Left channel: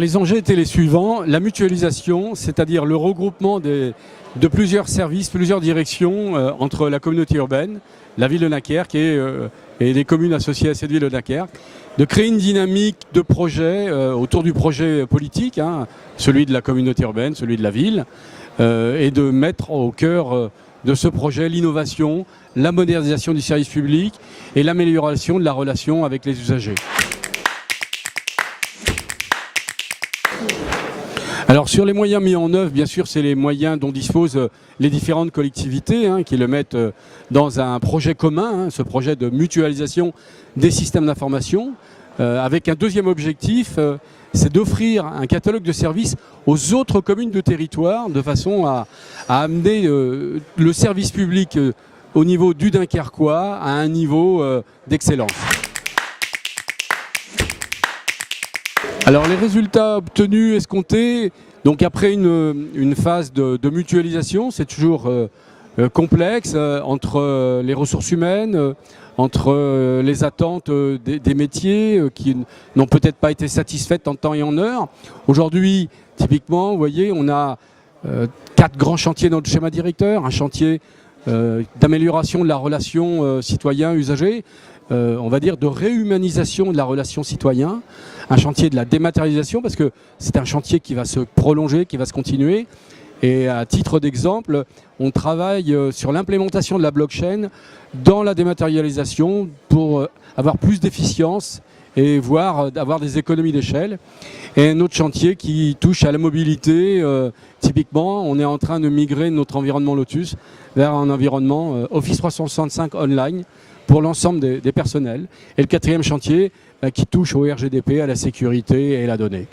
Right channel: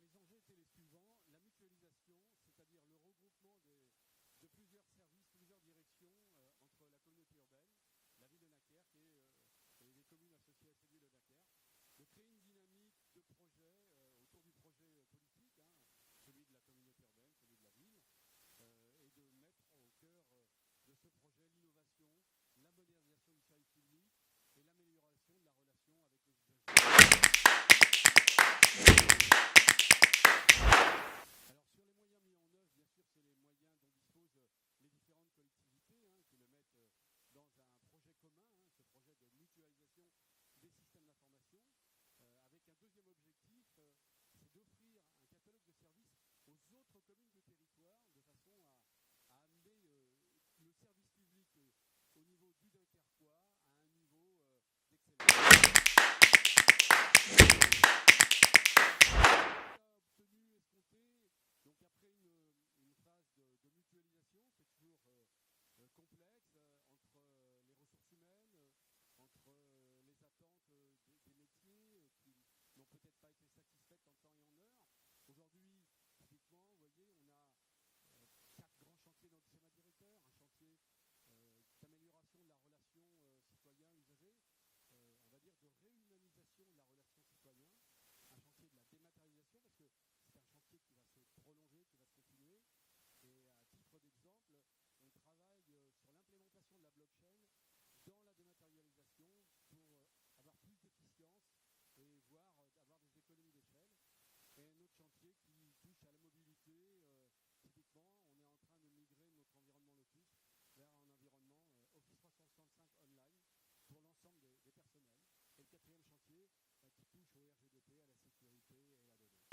les enjeux étaient les suivants. La mutualisation, c'est-à-dire le regroupement de plusieurs services, plusieurs directions entre la communauté urbaine, la ville de Dunkerque et les communes associées à cette ville de Dunkerque, de créer une dynamique de projet autour du projet politique, hein, celui de la communauté urbaine, celui de la ville, et de mettre au cœur de ce projet l'innovation, la modernisation du service public et l'amélioration de la relation avec les usagers. Alors sur les moyens mis en œuvre, bien sûr, c'est les moyens dont disposent les différentes collectivités qui le mettent dans un projet commun, ce projet de mutualisation des systèmes d'information, avec un deuxième objectif, c'est d'offrir un catalogue de services aux autres communes de territoire de façon à amener le service public au niveau du Dunkerquois à un niveau d'excellence. Alors les résultats obtenus, escomptés, donc après une phase de mutualisation, c'est toujours complexe entre les ressources humaines, entre les attentes des métiers qui n'ont peut-être pas été satisfaites en temps et en heure. Aujourd'hui, typiquement, vous voyez, on a 4 grands chantiers dans le schéma directeur, un chantier d'amélioration de la relation citoyen-usager, on va dire de réhumanisation de la relation citoyen, un chantier de la dématérialisation parce que c'est un chantier qui va se prolonger, qui va se continuer. Et à titre d'exemple, on travaille sur l'implémentation de la blockchain dans la dématérialisation pour avoir plus d'efficience et voire avoir des économies d'échelle. Et un autre chantier qui touche à la mobilité, typiquement, on est en train de migrer notre environnement Lotus vers un environnement Office 365 online pour l'ensemble des personnels. Et le 4e chantier qui touche au RGDP, à la sécurité et à la donnée.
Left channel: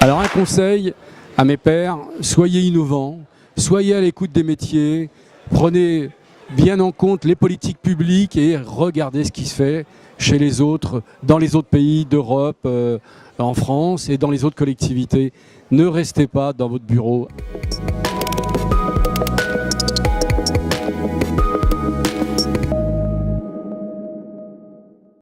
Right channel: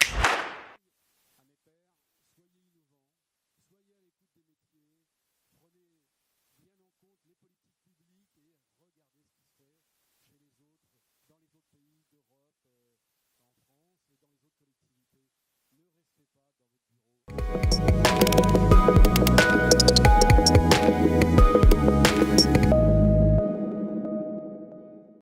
Alors un conseil à mes pairs, soyez innovants, soyez à l'écoute des métiers, prenez bien en compte les politiques publiques et regardez ce qui se fait chez les autres, dans les autres pays d'Europe, en France et dans les autres collectivités. Ne restez pas dans votre bureau.